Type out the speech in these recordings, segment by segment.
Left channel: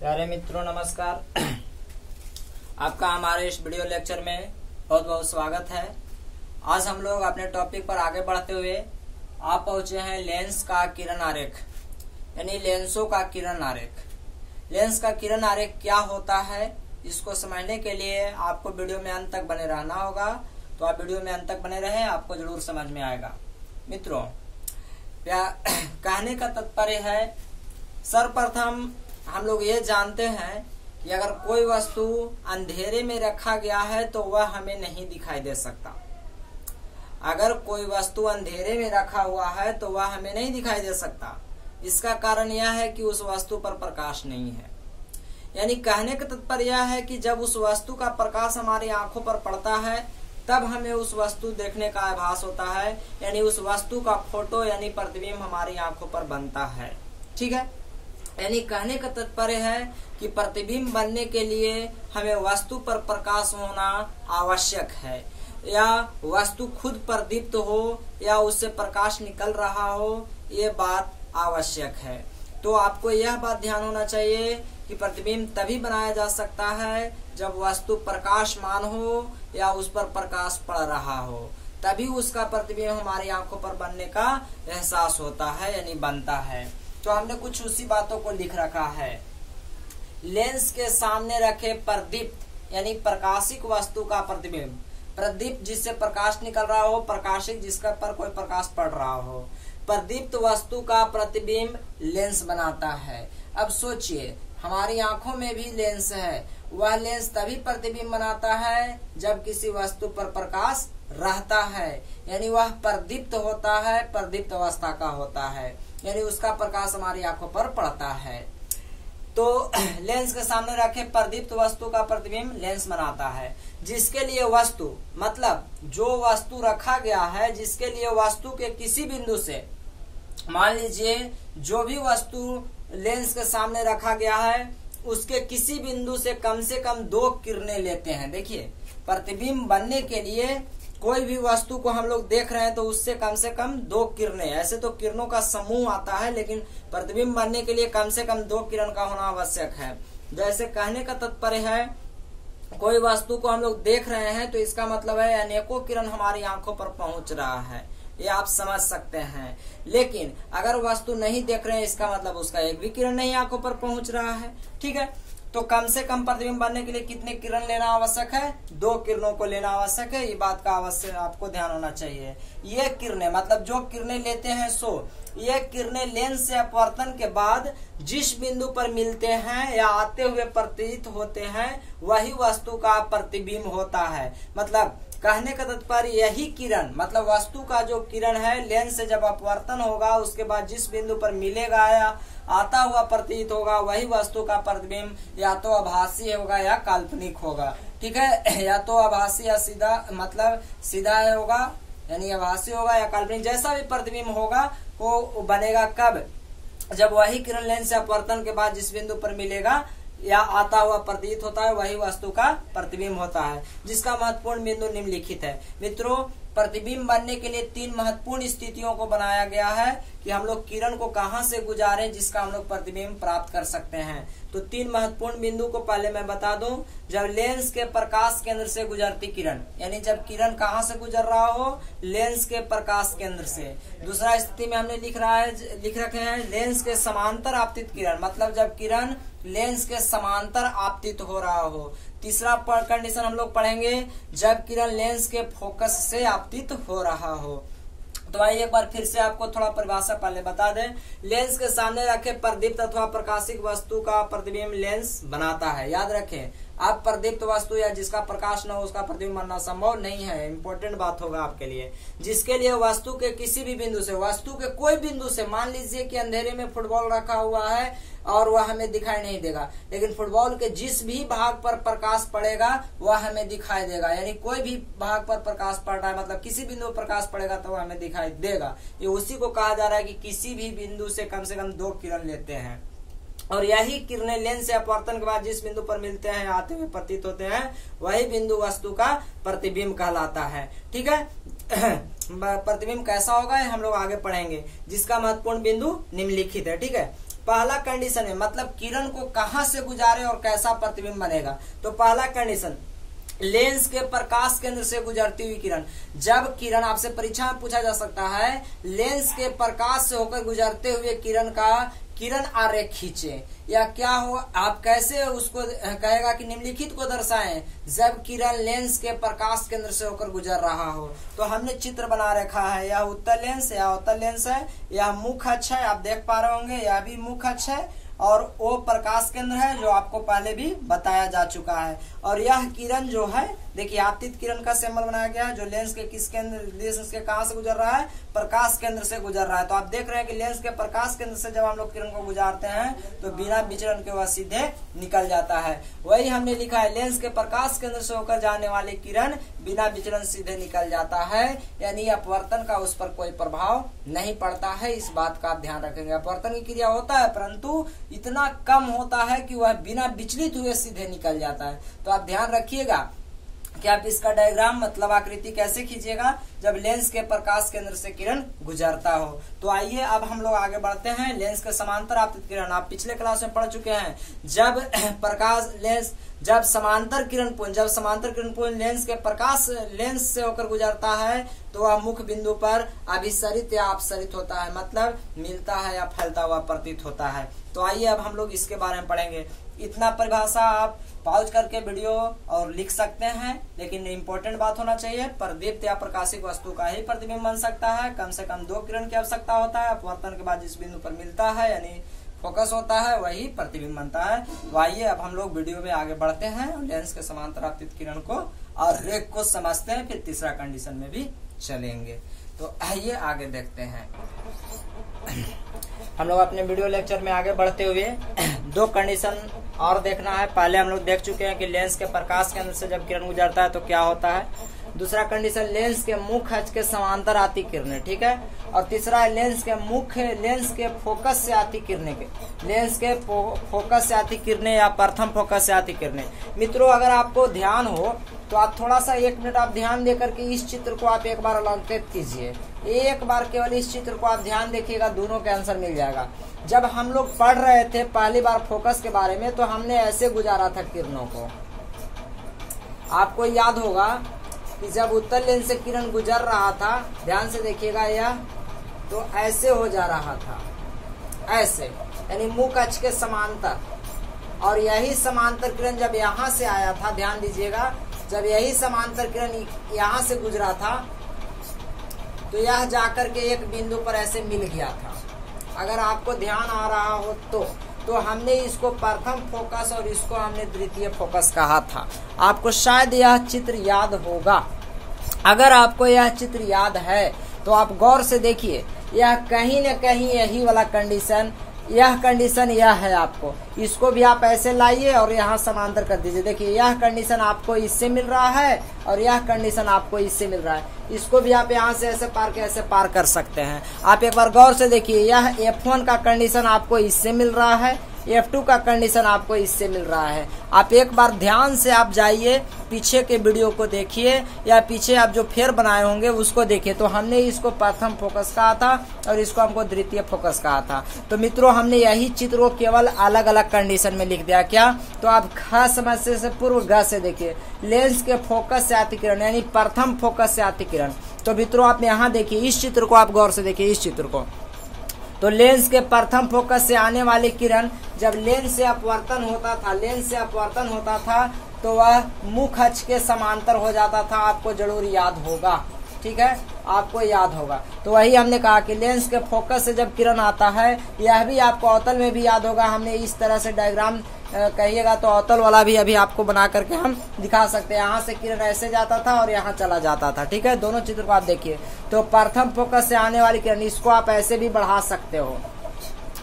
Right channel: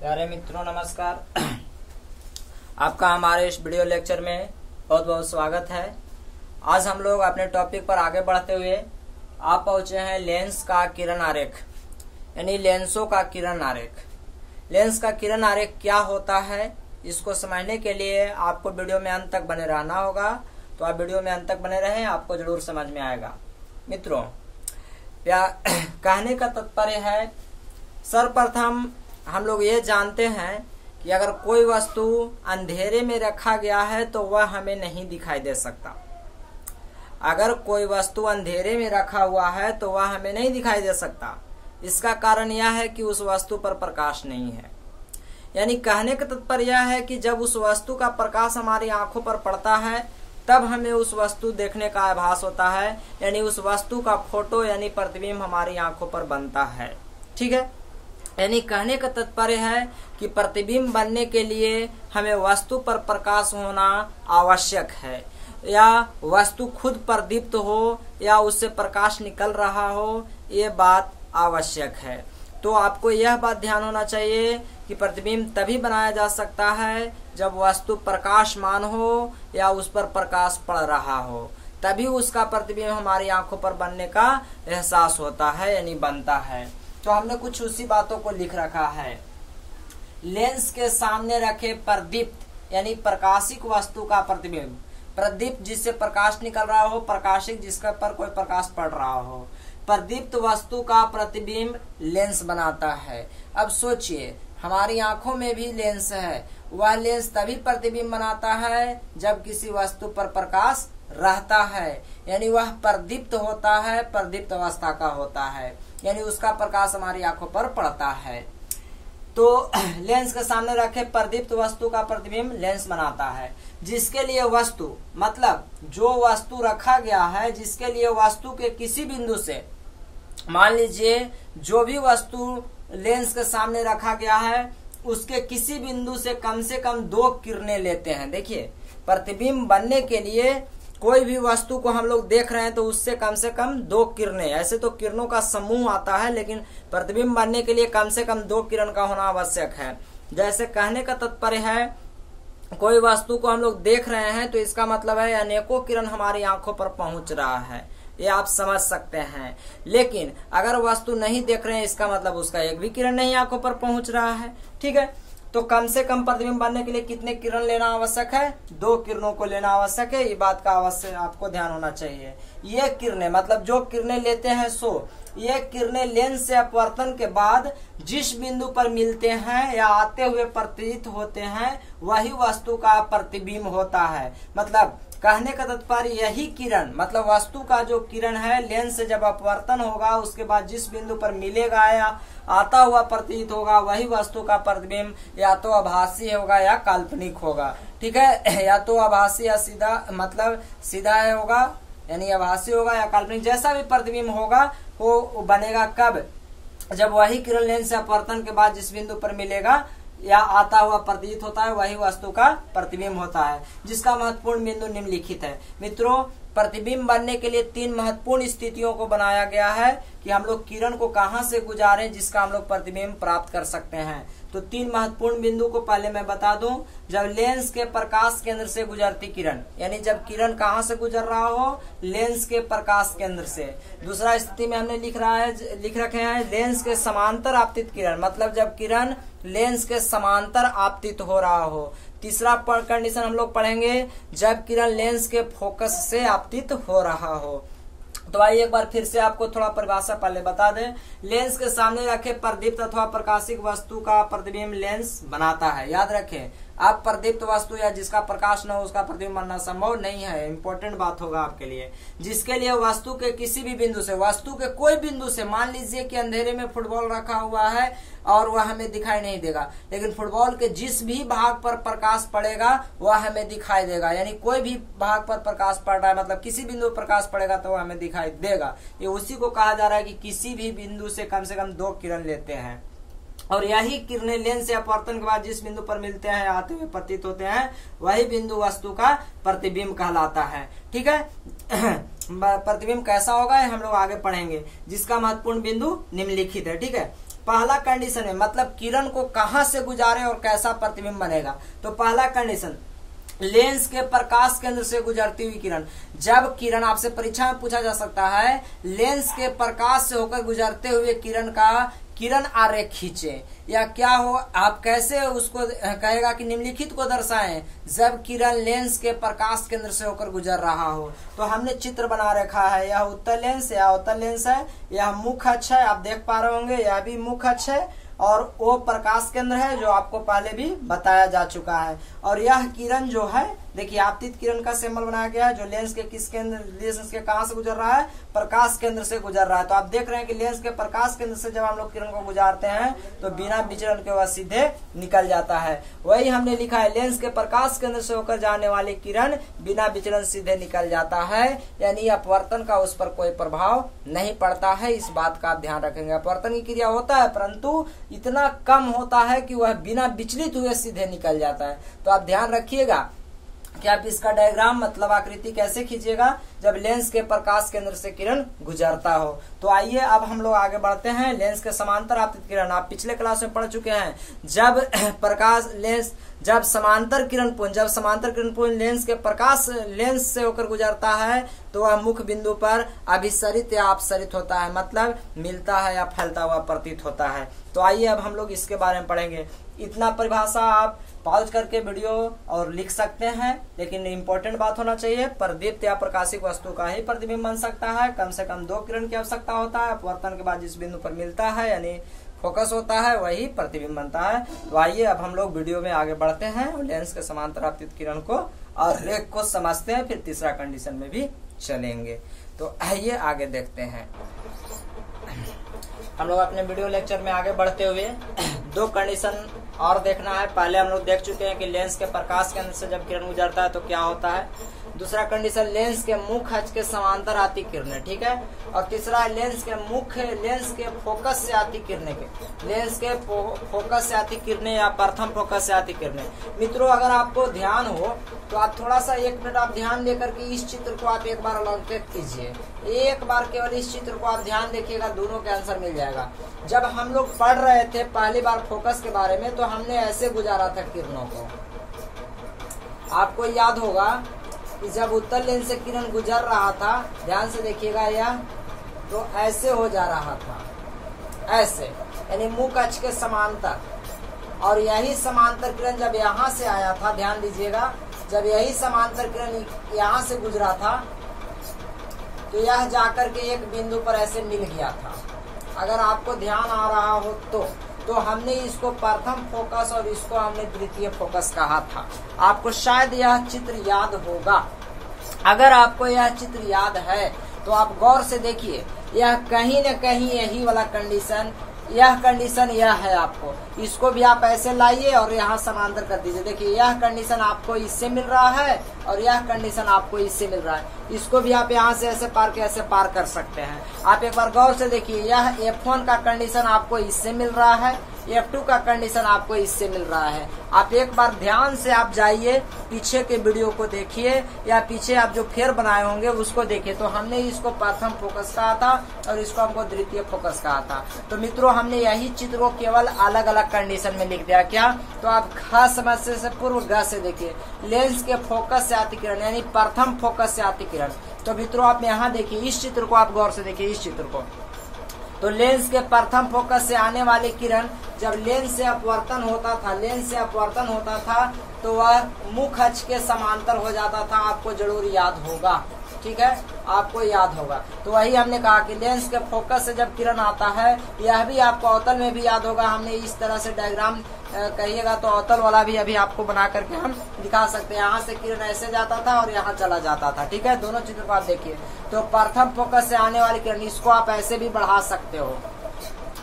प्यारे मित्रों नमस्कार। आपका हमारे इस वीडियो लेक्चर में बहुत बहुत स्वागत है। आज हम लोग अपने टॉपिक पर आगे बढ़ते हुए आप पहुंचे हैं लेंस का किरण आरेख, यानी लेंसों का किरण आरेख। लेंस का किरण आरेख क्या होता है, इसको समझने के लिए आपको वीडियो में अंत तक बने रहना होगा। तो आप वीडियो में अंत तक बने रहें, आपको जरूर समझ में आएगा। मित्रों, कहने का तात्पर्य है, सर्वप्रथम हम लोग ये जानते हैं कि अगर कोई वस्तु अंधेरे में रखा गया है तो वह हमें नहीं दिखाई दे सकता। अगर कोई वस्तु अंधेरे में रखा हुआ है तो वह हमें नहीं दिखाई दे सकता। इसका कारण यह है कि उस वस्तु पर प्रकाश नहीं है। यानी कहने का तात्पर्य यह है कि जब उस वस्तु का प्रकाश हमारी आंखों पर पड़ता है तब हमें उस वस्तु देखने का आभास होता है, यानी उस वस्तु का फोटो यानी प्रतिबिंब हमारी आंखों पर बनता है। ठीक है, यानी कहने का तात्पर्य है कि प्रतिबिंब बनने के लिए हमें वस्तु पर प्रकाश होना आवश्यक है, या वस्तु खुद प्रदीप्त हो या उससे प्रकाश निकल रहा हो, ये बात आवश्यक है। तो आपको यह बात ध्यान होना चाहिए कि प्रतिबिंब तभी बनाया जा सकता है जब वस्तु प्रकाशमान हो या उस पर प्रकाश पड़ रहा हो, तभी उसका प्रतिबिंब हमारी आंखों पर बनने का एहसास होता है, यानी बनता है। तो हमने कुछ उसी बातों को लिख रखा है। लेंस के सामने रखे प्रदीप्त यानी प्रकाशिक वस्तु का प्रतिबिंब, प्रदीप्त जिससे प्रकाश निकल रहा हो, प्रकाशिक जिसका पर कोई प्रकाश पड़ रहा हो, प्रदीप्त वस्तु का प्रतिबिंब लेंस बनाता है। अब सोचिए, हमारी आंखों में भी लेंस है। वह लेंस तभी प्रतिबिंब बनाता है जब किसी वस्तु पर प्रकाश रहता है, यानी वह प्रदीप्त होता है, प्रदीप्त अवस्था का होता है, यानी उसका प्रकाश हमारी आंखों पर पड़ता है। तो लेंस के सामने रखे प्रदीप्त वस्तु का प्रतिबिंब लेंस बनाता है, जिसके लिए वस्तु मतलब जो वस्तु रखा गया है, जिसके लिए वस्तु के किसी बिंदु से, मान लीजिए जो भी वस्तु लेंस के सामने रखा गया है उसके किसी बिंदु से कम 2 किरणें लेते हैं। देखिए, प्रतिबिंब बनने के लिए कोई भी वस्तु को हम लोग देख रहे हैं तो उससे कम 2 किरणें, ऐसे तो किरणों का समूह आता है, लेकिन प्रतिबिंब बनने के लिए कम से कम 2 किरण का होना आवश्यक है। जैसे कहने का तात्पर्य है, कोई वस्तु को हम लोग देख रहे हैं तो इसका मतलब है अनेकों किरण हमारी आंखों पर पहुंच रहा है, ये आप समझ सकते हैं। लेकिन अगर वस्तु नहीं देख रहे हैं, इसका मतलब उसका एक भी किरण नहीं आंखों पर पहुंच रहा है। ठीक है, तो कम से कम प्रतिबिंब बनने के लिए कितने किरण लेना आवश्यक है? 2 किरणों को लेना आवश्यक है। ये बात का अवश्य आपको ध्यान होना चाहिए। ये किरणें मतलब जो किरणें लेते हैं ये किरणें लेंस से अपवर्तन के बाद जिस बिंदु पर मिलते हैं या आते हुए प्रतीत होते हैं वही वस्तु का प्रतिबिंब होता है। मतलब कहने का तात्पर्य यही किरण मतलब वस्तु का जो किरण है लेंस से जब अपवर्तन होगा उसके बाद जिस बिंदु पर मिलेगा या आता हुआ प्रतीत होगा वही वस्तु का प्रतिबिंब या तो आभासी होगा या काल्पनिक होगा। ठीक है, या तो आभासी या सीधा मतलब सीधा होगा, यानी आभासी होगा या काल्पनिक, जैसा भी प्रतिबिंब होगा वो बनेगा कब? जब वही किरण लेंस से अपवर्तन के बाद जिस बिंदु पर मिलेगा या आता हुआ प्रतीत होता है वही वस्तु का प्रतिबिंब होता है, जिसका महत्वपूर्ण बिंदु निम्नलिखित है। मित्रों, प्रतिबिंब बनने के लिए 3 महत्वपूर्ण स्थितियों को बनाया गया है कि हम लोग किरण को कहां से गुजारें जिसका हम लोग प्रतिबिंब प्राप्त कर सकते हैं। तो 3 महत्वपूर्ण बिंदु को पहले मैं बता दूं। जब लेंस के प्रकाश केंद्र से गुजरती किरण, यानी जब किरण कहां से गुजर रहा हो? लेंस के प्रकाश केंद्र से। दूसरा स्थिति में हमने लिख रखे हैं लेंस के समांतर आपतित किरण, मतलब जब किरण लेंस के समांतर आपतित हो रहा हो। तीसरा कंडीशन हम लोग पढ़ेंगे जब किरण लेंस के फोकस से आपतित हो रहा हो। तो आइए एक बार फिर से आपको थोड़ा परिभाषा पहले बता दें। लेंस के सामने रखे प्रदीप्त अथवा प्रकाशिक वस्तु का प्रतिबिंब लेंस बनाता है। याद रखें, आप प्रदीप्त वस्तु या जिसका प्रकाश न हो उसका प्रतिबिंब बनना संभव नहीं है। इंपॉर्टेंट बात होगा आपके लिए। जिसके लिए वस्तु के किसी भी बिंदु से, वस्तु के कोई बिंदु से, मान लीजिए कि अंधेरे में फुटबॉल रखा हुआ है और वह हमें दिखाई नहीं देगा, लेकिन फुटबॉल के जिस भी भाग पर प्रकाश पड़ेगा वह हमें दिखाई देगा। यानी कोई भी भाग पर प्रकाश पड़ रहा है मतलब किसी बिंदु पर प्रकाश पड़ेगा तो वह हमें दिखाई देगा। ये उसी को कहा जा रहा है कि किसी भी बिंदु से कम 2 किरण लेते हैं, और यही किरणें लेंस से अपवर्तन के बाद जिस बिंदु पर मिलते हैं आते हुए प्रतीत होते हैं वही बिंदु वस्तु का प्रतिबिंब कहलाता है। ठीक है, प्रतिबिंब कैसा होगा हम लोग आगे पढ़ेंगे, जिसका महत्वपूर्ण बिंदु निम्नलिखित है। ठीक है, पहला कंडीशन है मतलब किरण को कहां से गुजारे और कैसा प्रतिबिंब बनेगा। तो पहला कंडीशन, लेंस के प्रकाश केंद्र से गुजरती हुई किरण। जब किरण, आपसे परीक्षा में पूछा जा सकता है, लेंस के प्रकाश से होकर गुजरते हुए किरण आरेख खींचे या क्या हो, आप कैसे उसको कहेगा कि निम्नलिखित को दर्शाएं जब किरण लेंस के प्रकाश केंद्र से होकर गुजर रहा हो। तो हमने चित्र बना रखा है, यह उत्तल लेंस या अवतल लेंस है, यह मुख्य अक्ष है, आप देख पा रहे होंगे, यह भी मुख्य अक्ष है और वो प्रकाश केंद्र है जो आपको पहले भी बताया जा चुका है। और यह किरण जो है, देखिए आपतित किरण का सिंबल बनाया गया है जो लेंस के किस केंद्र, लेंस के कहां से गुजर रहा है, प्रकाश केंद्र से गुजर रहा है। तो आप देख रहे हैं कि लेंस के प्रकाश केंद्र से जब हम लोग किरण को गुजारते हैं तो बिना विचलन के वह सीधे निकल जाता है। वही हमने लिखा है, लेंस के प्रकाश केंद्र से होकर जाने वाली किरण बिना विचलन सीधे निकल जाता है, यानी अपवर्तन का उस पर कोई प्रभाव नहीं पड़ता है। इस बात का आप ध्यान रखेंगे। अपवर्तन की क्रिया होता है परंतु इतना कम होता है कि वह बिना विचलित हुए सीधे निकल जाता है। तो आप ध्यान रखिएगा कि आप इसका डायग्राम मतलब आकृति कैसे खींचिएगा जब लेंस के प्रकाश केंद्र से किरण गुजरता हो। तो आइए अब हम लोग आगे बढ़ते हैं। लेंस के समांतर आपतित किरण आप पिछले क्लास में पढ़ चुके हैं। जब समांतर किरण पुंज लेंस से होकर गुजरता है तो वह मुख्य बिंदु पर अभिसरित या अपसरित होता है, मतलब मिलता है या फैलता हुआ प्रतीत होता है। तो आइए अब हम लोग इसके बारे में पढ़ेंगे। इतना परिभाषा आप पॉज करके वीडियो और लिख सकते हैं, लेकिन इम्पोर्टेंट बात होना चाहिए, प्रदीप्त या प्रकाशित वस्तु का ही प्रतिबिंब बन सकता है। कम से कम 2 किरण की आवश्यकता होता है। अपवर्तन के बाद जिस बिंदु पर मिलता है यानी फोकस होता है वही प्रतिबिंब बनता है। तो आइए अब हम लोग वीडियो में आगे बढ़ते हैं, लेंस के समांतर आपतित किरण को और रेख को समझते हैं, फिर तीसरा कंडीशन में भी चलेंगे। तो आइए आगे देखते हैं। हम लोग अपने वीडियो लेक्चर में आगे बढ़ते हुए 2 कंडीशन और देखना है। पहले हम लोग देख चुके हैं कि लेंस के प्रकाश केंद्र से जब किरण गुजरता है तो क्या होता है। दूसरा कंडीशन, लेंस के मुख्य अक्ष के समांतर आती किरणें, ठीक है। और तीसरा है लेंस के फोकस से आती किरणें या प्रथम फोकस से आती किरणें। मित्रों अगर आपको ध्यान हो तो आप थोड़ा सा 1 मिनट आप ध्यान देकर के इस चित्र को आप एक बार अलंकृत कीजिए। एक बार केवल इस चित्र को आप ध्यान देखिएगा, दोनों का आंसर मिल जाएगा। जब हम लोग पढ़ रहे थे पहली बार फोकस के बारे में तो हमने ऐसे गुजारा था किरणों को। आपको याद होगा कि जब उत्तल लेंस से किरण गुजर रहा था, ध्यान से देखिएगा, यह तो ऐसे हो जा रहा था, ऐसे यानी मुख्य अक्ष के समांतर। और यही समांतर किरण जब यहाँ से आया था, ध्यान दीजिएगा, जब यही समांतर किरण यहाँ से गुजरा था तो यह जाकर के एक बिंदु पर ऐसे मिल गया था। अगर आपको ध्यान आ रहा हो तो हमने इसको प्रथम फोकस और इसको हमने द्वितीय फोकस कहा था। आपको शायद यह चित्र याद होगा। अगर आपको यह चित्र याद है तो आप गौर से देखिए, यह कहीं न कहीं यही वाला कंडीशन, यह कंडीशन यह है। आपको इसको भी आप ऐसे लाइए और यहाँ समांतर कर दीजिए। देखिए यह कंडीशन आपको इससे मिल रहा है और यह कंडीशन आपको इससे मिल रहा है। इसको भी आप यहाँ से ऐसे पार कर सकते हैं। आप एक बार गौर से देखिए, यह F1 का कंडीशन आपको इससे मिल रहा है, F2 का कंडीशन आपको इससे मिल रहा है। आप एक बार ध्यान से आप जाइए, पीछे के वीडियो को देखिए या पीछे आप जो फेर बनाए होंगे उसको देखिए। तो हमने इसको प्रथम फोकस कहा था और इसको हमको द्वितीय फोकस कहा था। तो मित्रों हमने यही चित्र को केवल अलग अलग कंडीशन में लिख दिया। क्या? तो आप खास समझने से पूर्व ग से देखिए, लेंस के फोकस से आती किरण यानी प्रथम फोकस से आती किरण। तो मित्रों आप यहाँ देखिए, इस चित्र को आप गौर से देखिए, इस चित्र को। तो लेंस के प्रथम फोकस से आने वाली किरण जब लेंस से अपवर्तन होता था तो वह मुख्य अक्ष के समांतर हो जाता था। आपको जरूर याद होगा, ठीक है, आपको याद होगा। तो वही हमने कहा कि लेंस के फोकस से जब किरण आता है, यह भी आपको अवतल में भी याद होगा। हमने इस तरह से डायग्राम कहिएगा तो अवतल वाला भी अभी आपको बना करके हम दिखा सकते हैं। यहाँ से किरण ऐसे जाता था और यहाँ चला जाता था, ठीक है। दोनों चित्र को आप देखिए। तो प्रथम फोकस से आने वाली किरण, इसको आप ऐसे भी बढ़ा सकते हो,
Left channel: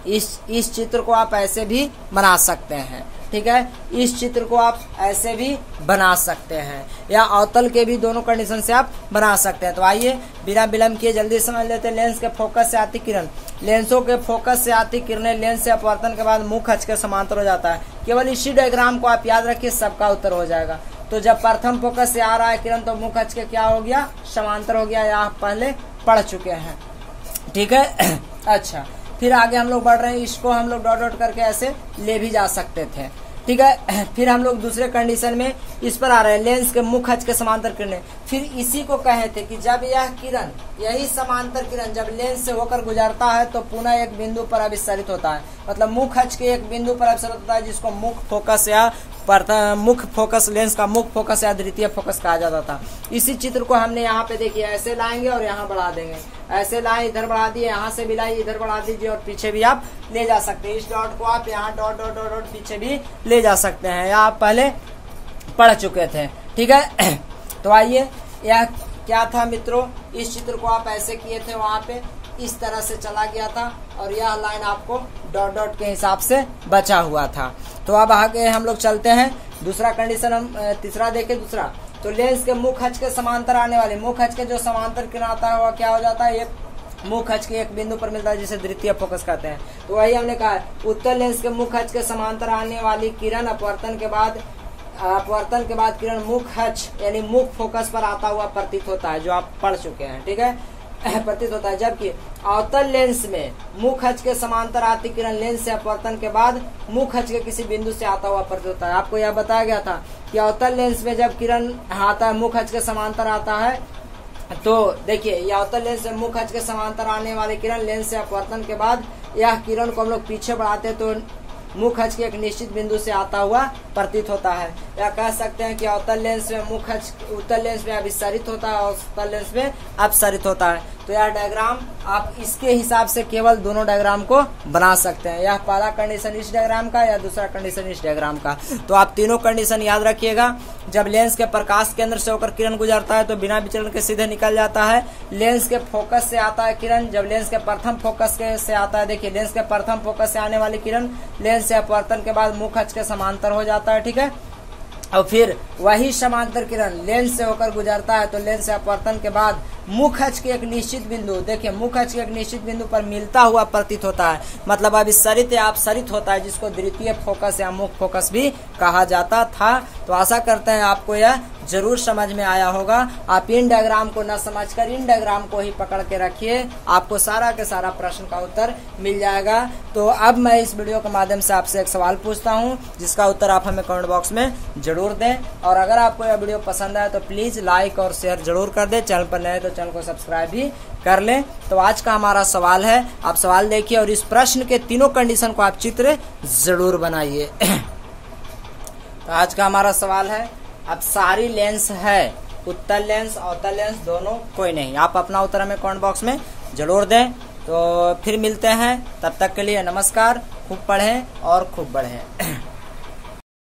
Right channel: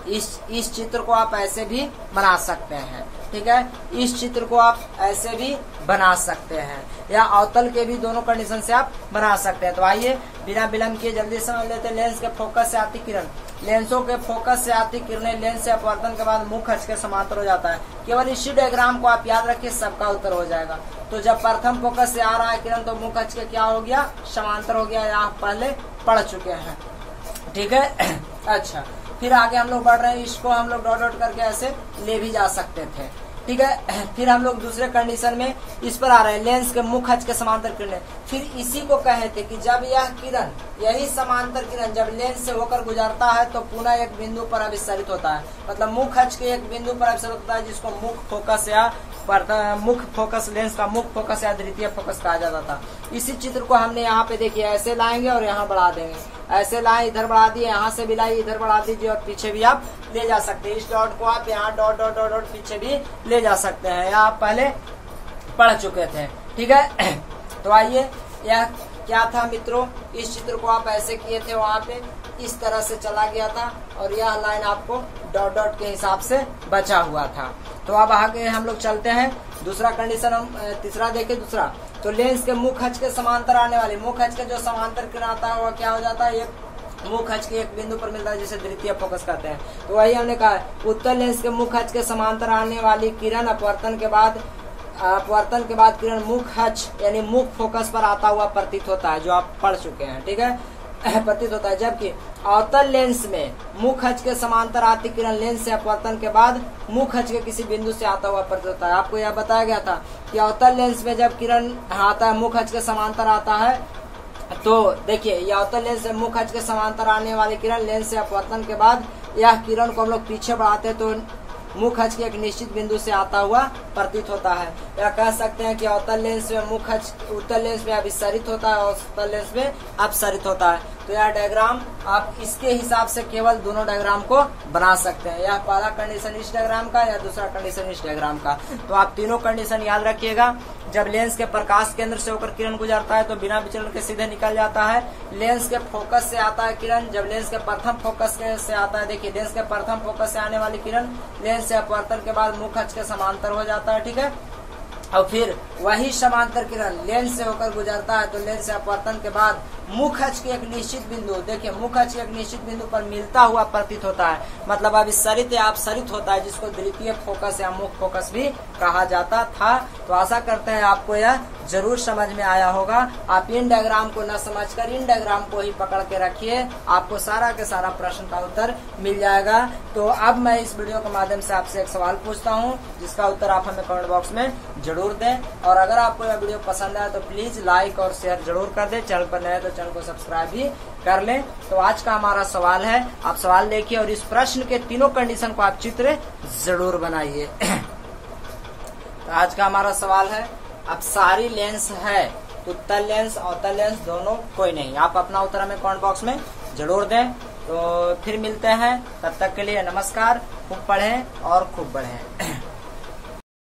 इस चित्र को आप ऐसे भी बना सकते हैं, ठीक है। इस चित्र को आप ऐसे भी बना सकते हैं या अवतल के भी दोनों कंडीशन से आप बना सकते हैं। तो आइए बिना विलंब किए जल्दी समझ लेते हैं। लेंस के फोकस से आती किरण, लेंसों के फोकस से आती किरणें लेंस से अपवर्तन के बाद मुख्य अक्ष के समांतर हो जाता है। केवल इसी डायग्राम को आप याद रखिए, सबका उत्तर हो जाएगा। तो जब प्रथम फोकस से आ रहा है किरण तो मुख्य अक्ष के क्या हो गया? समांतर हो गया। या आप पहले पढ़ चुके हैं, ठीक है। अच्छा, फिर आगे हम लोग बढ़ रहे हैं, इसको हम लोग डॉट डॉट करके ऐसे ले भी जा सकते थे। ठीक है, फिर हम लोग दूसरे कंडीशन में इस पर आ रहे हैं, लेंस के मुख्य अक्ष के समांतर किरणें। फिर इसी को कहे थे कि जब यह किरण, यही समांतर किरण जब लेंस से होकर गुजरता है तो पुनः एक बिंदु पर अभिसरित होता है। मतलब मुख्य अक्ष के एक बिंदु पर अभिसरित होता है, जिसको मुख्य फोकस या मुख्य फोकस, लेंस का मुख्य फोकस या द्वितीय फोकस कहा जाता था। इसी चित्र को हमने यहाँ पे देखिए ऐसे लाएंगे और यहाँ बढ़ा देंगे, ऐसे लाए इधर बढ़ा दिए, यहाँ से भी लाए इधर बढ़ा दीजिए और पीछे भी आप ले जा सकते हैं। इस डॉट को आप यहाँ डॉट डॉट डॉट डॉट पीछे भी ले जा सकते हैं, या आप पहले पढ़ चुके थे। ठीक है, तो आइए, यह क्या था मित्रों, इस चित्र को आप ऐसे किए थे, वहां पे इस तरह से चला गया था और यह लाइन आपको डॉट डॉट के हिसाब से बचा हुआ था। तो अब आगे हम लोग चलते हैं, दूसरा कंडीशन हम तीसरा देखें। दूसरा, तो लेंस के मुख्य अक्ष के समांतर आने वाले, मुख्य अक्ष के जो समांतर किरण आता है वह क्या हो जाता है, ये मुख्य अक्ष के एक बिंदु पर मिलता है, जिसे द्वितीय फोकस कहते हैं। तो वही हमने कहा, उत्तर लेंस के मुख्य अक्ष के समांतर आने वाली किरण अपवर्तन के बाद किरण मुख्य अक्ष यानी मुख्य फोकस पर आता हुआ प्रतीत होता है, जो आप पढ़ चुके हैं। ठीक है, प्रतीत होता है। जबकि अवतल लेंस में मुख्य अक्ष के समांतर आती किरण लेंस से अपवर्तन के बाद मुख्य अक्ष के किसी बिंदु से आता हुआ प्रतीत होता है। आपको यह बताया गया था कि अवतल लेंस में जब किरण आता है, मुख्य अक्ष के समांतर आता है, तो देखिए यह अवतल लेंस से मुख्य अक्ष के समांतर आने वाली किरण लेंस से अपवर्तन के बाद यह किरण को हम लोग पीछे बढ़ाते हैं तो मुख्य अक्ष के एक निश्चित बिंदु से आता हुआ प्रतीत होता है। या कह सकते हैं कि अवतल लेंस में मुख्य अक्ष उत्तल लेंस में अभिसरित होता है और उत्तल लेंस में अपसरित होता है। तो यह डायग्राम आप इसके हिसाब से केवल दोनों डायग्राम को बना सकते हैं। यह पहला कंडीशन इस डायग्राम का या दूसरा कंडीशन इस डायग्राम का। तो आप तीनों कंडीशन याद रखिएगा। जब लेंस के प्रकाश केंद्र से होकर किरण गुजरता है तो बिना विचलन के सीधे निकल जाता है। लेंस के फोकस से आता है किरण, जब लेंस के प्रथम फोकस से आता है, देखिए लेंस के प्रथम फोकस से आने वाली किरण लेंस से अपवर्तन के बाद मुख्य अक्ष के समांतर हो जाता है। ठीक है, और फिर वही समांतर किरण लेंस से होकर गुजरता है तो लेंस से अपवर्तन के बाद मुख्य अक्ष के एक निश्चित बिंदु, देखिए मुख्य अक्ष के एक निश्चित बिंदु पर मिलता हुआ प्रतीत होता है। मतलब अभिसरित या अपसरित होता है, जिसको द्वितीय फोकस या मुख्य फोकस भी कहा जाता था। तो आशा करते हैं आपको यह जरूर समझ में आया होगा। आप इन डायग्राम को न समझकर इन डायग्राम को ही पकड़ के रखिए, आपको सारा के सारा प्रश्न का उत्तर मिल जाएगा। तो अब मैं इस वीडियो के माध्यम से आपसे एक सवाल पूछता हूँ, जिसका उत्तर आप हमें कमेंट बॉक्स में जरूर दें। और अगर आपको यह वीडियो पसंद आए तो प्लीज लाइक और शेयर जरूर कर दें। चैनल पर नए तो चैनल को सब्सक्राइब भी कर लें। तो आज का हमारा सवाल है, आप सवाल देखिए और इस प्रश्न के तीनों कंडीशन को आप चित्र जरूर बनाइए। तो आज का हमारा सवाल है, अब सारी लेंस है, उत्तल लेंस अवतल लेंस दोनों, कोई नहीं। आप अपना उत्तर हमें कमेंट बॉक्स में जरूर दें। तो फिर मिलते हैं, तब तक के लिए नमस्कार। खूब पढ़ें और खूब बढ़ें।